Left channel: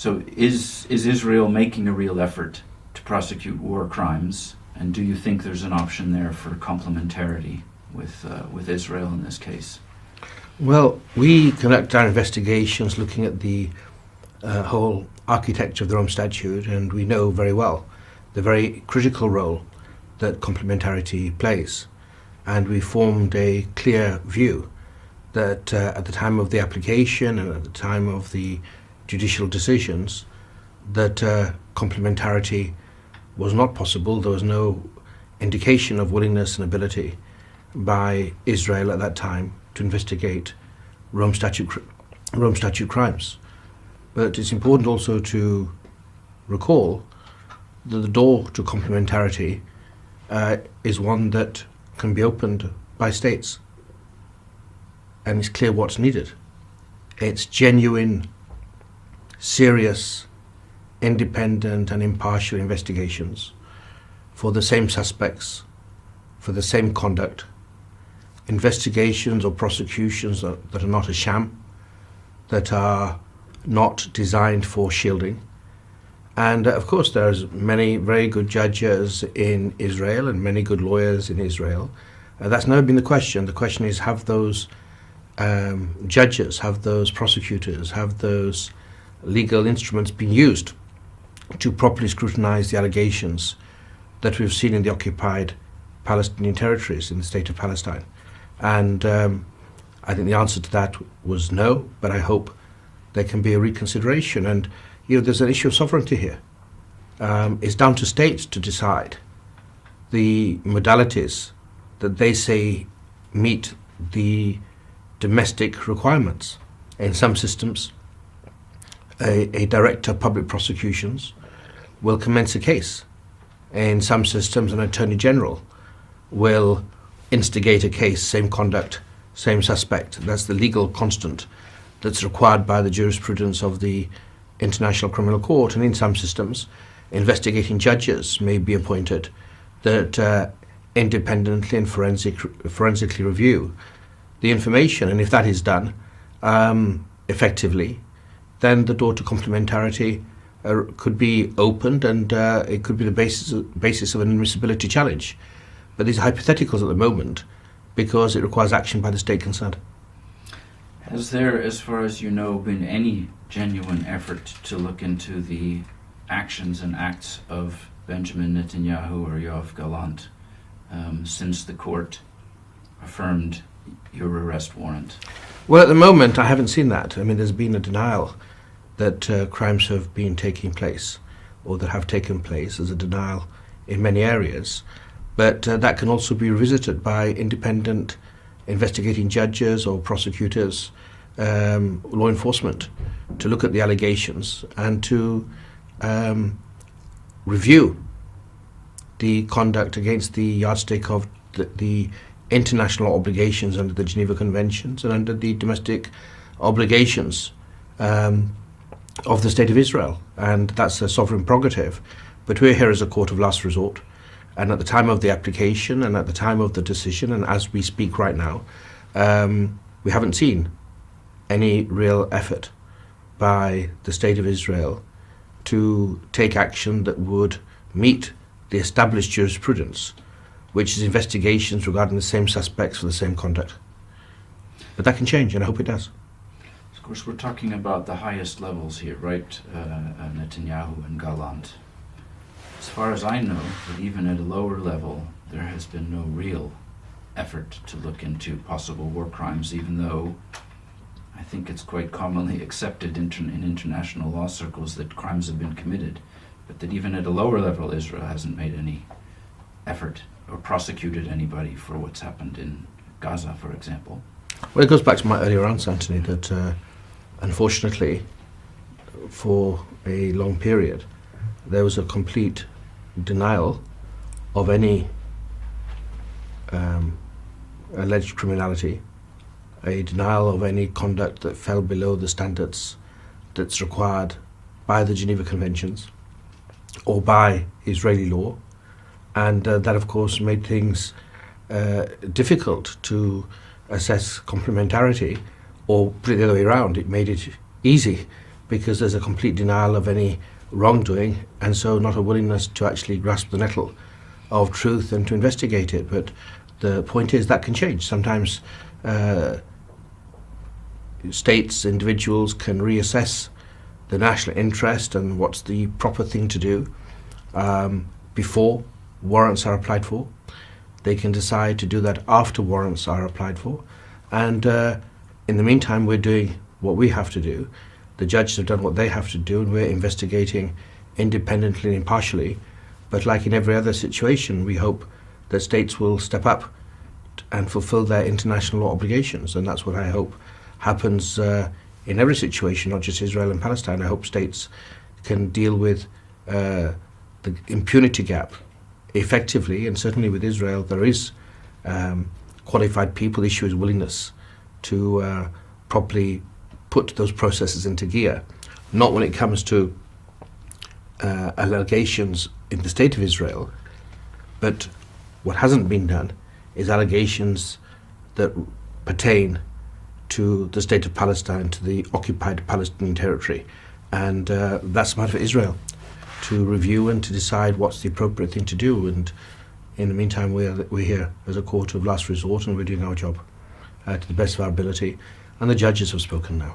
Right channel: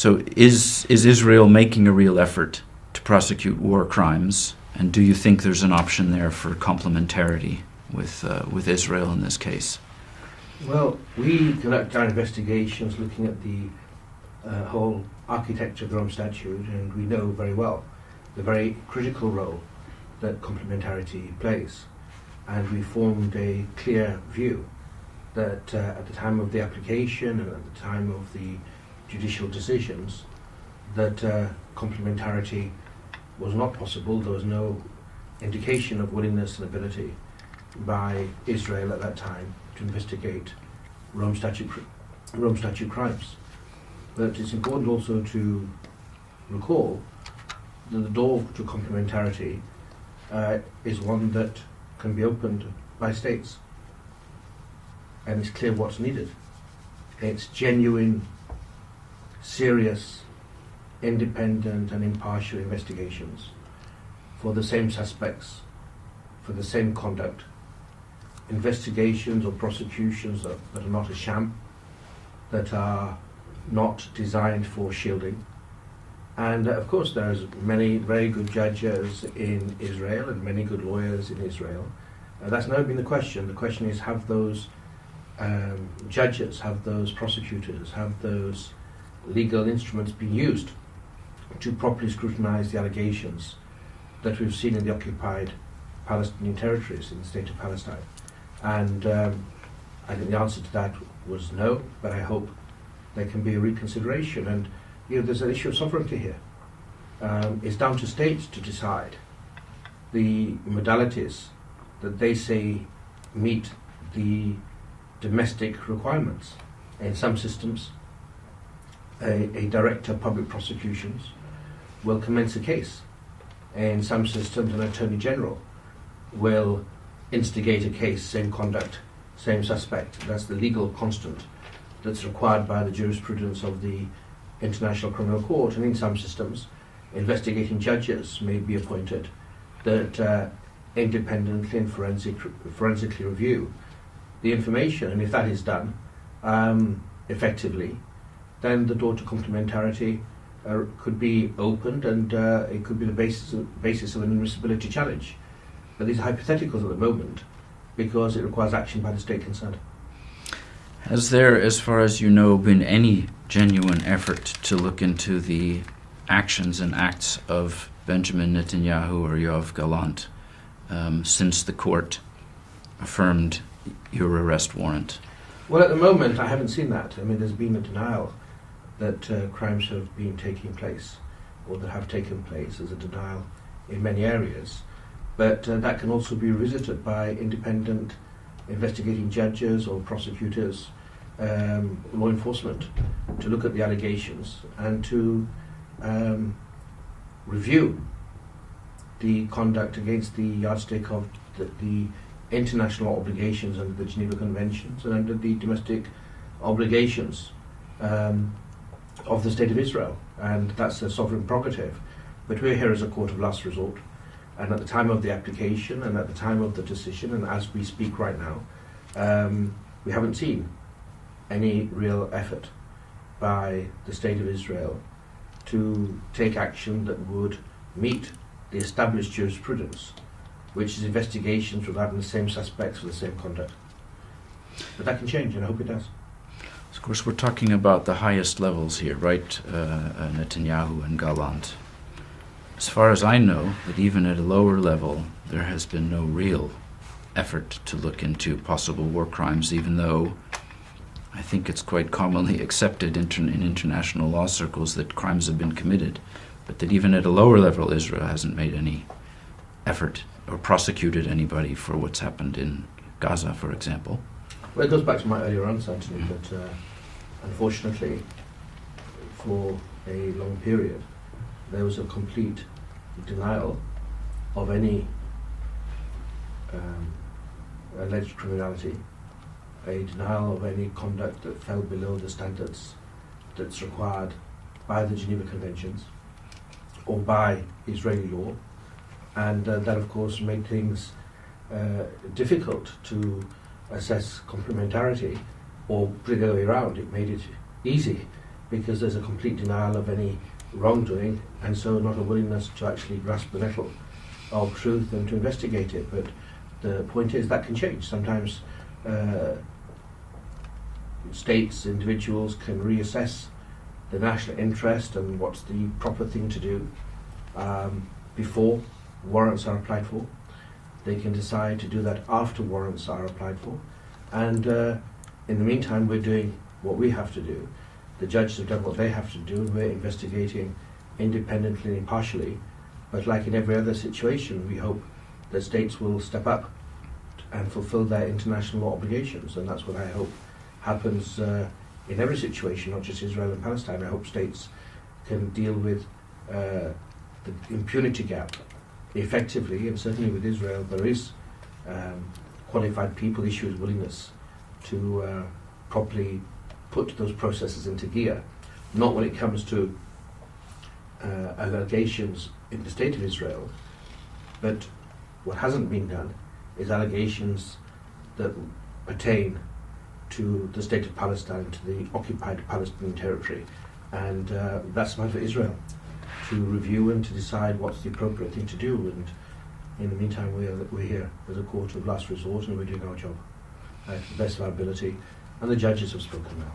So is Israel making a real effort to prosecute war crimes? And do you think there's an option there for complementarity with Israel in this case? Well, we conduct our investigations looking at the whole architecture of the Rome Statute, and we know very well the very critical role that complementarity plays. And we formed a clear view that at the time of the application and at the time of the judicial decisions, that complementarity was not possible. There was no indication of willingness and ability by Israel at that time to investigate Rome Statute crimes. But it's important also to recall that the door to complementarity is one that can be opened by states, and it's clear what's needed. It's genuine, serious, independent and impartial investigations for the same suspects, for the same conduct, investigations or prosecutions that are not a sham, that are not designed for shielding. And of course there's many very good judges in Israel and many good lawyers in Israel. That's never been the question. The question is, have those judges, have those prosecutors, have those legal instruments been used to properly scrutinize the allegations that we've seen in the occupied Palestinian territories in the state of Palestine? And I think the answer to that was no, but I hope there can be a reconsideration. And there's an issue of sovereignty here. It's down to states to decide the modalities that they say meet the domestic requirements. In some systems, a director of public prosecutions will commence a case. In some systems, an attorney general will instigate a case, same conduct, same suspect. That's the legal constant that's required by the jurisprudence of the International Criminal Court. And in some systems, investigating judges may be appointed that independently and forensically review the information. And if that is done effectively, then the door to complementarity could be opened, and it could be the basis of an admissibility challenge. But these are hypotheticals at the moment because it requires action by the state concerned. Has there, as far as you know, been any genuine effort to look into the actions and acts of Benjamin Netanyahu or Yoav Gallant since the court affirmed your arrest warrant? Well, at the moment, I haven't seen that. I mean, there's been a denial that crimes have been taking place or that have taken place. There's a denial in many areas. But that can also be revisited by independent investigating judges or prosecutors, law enforcement, to look at the allegations and to review the conduct against the yardstick of the international obligations under the Geneva Conventions and under the domestic obligations of the State of Israel. And that's a sovereign prerogative. But we're here as a court of last resort. And at the time of the application and at the time of the decision, and as we speak right now, we haven't seen any real effort by the State of Israel to take action that would meet the established jurisprudence, which is investigations regarding the same suspects for the same conduct. But that can change, and I hope it does. Of course, we're talking about the highest levels here, right? Netanyahu and Gallant. As far as I know, that even at a lower level, there has been no real effort to look into possible war crimes, even though I think it's quite commonly accepted in international law circles that crimes have been committed, but that even at a lower level, Israel hasn't made any effort or prosecuted anybody for what's happened in Gaza, for example. Well, it goes back to my earlier answer, Anthony, that unfortunately, for a long period, there was a complete denial of any alleged criminality, a denial of any conduct that fell below the standards that's required by the Geneva Conventions or by Israeli law. And that, of course, made things difficult to assess complementarity, or put it the other way around, it made it easy because there's a complete denial of any wrongdoing, and so not a willingness to actually grasp the nettle of truth and to investigate it. But the point is that can change. Sometimes states, individuals can reassess the national interest and what's the proper thing to do before warrants are applied for. They can decide to do that after warrants are applied for. And in the meantime, we're doing what we have to do. The judges have done what they have to do, and we're investigating independently and impartially. But like in every other situation, we hope that states will step up and fulfill their international law obligations. And that's what I hope happens in every situation, not just Israel and Palestine. I hope states can deal with the impunity gap effectively, and certainly with Israel there is qualified people. The issue is willingness to properly put those processes into gear, not when it comes to allegations in the state of Israel, but what hasn't been done is allegations that pertain to the state of Palestine, to the occupied Palestinian territory, and that's a matter for Israel to review and to decide what's the appropriate thing to do. And in the meantime, we're here as a court of last resort, and we're doing our job to the best of our ability, and the judges have spoken now.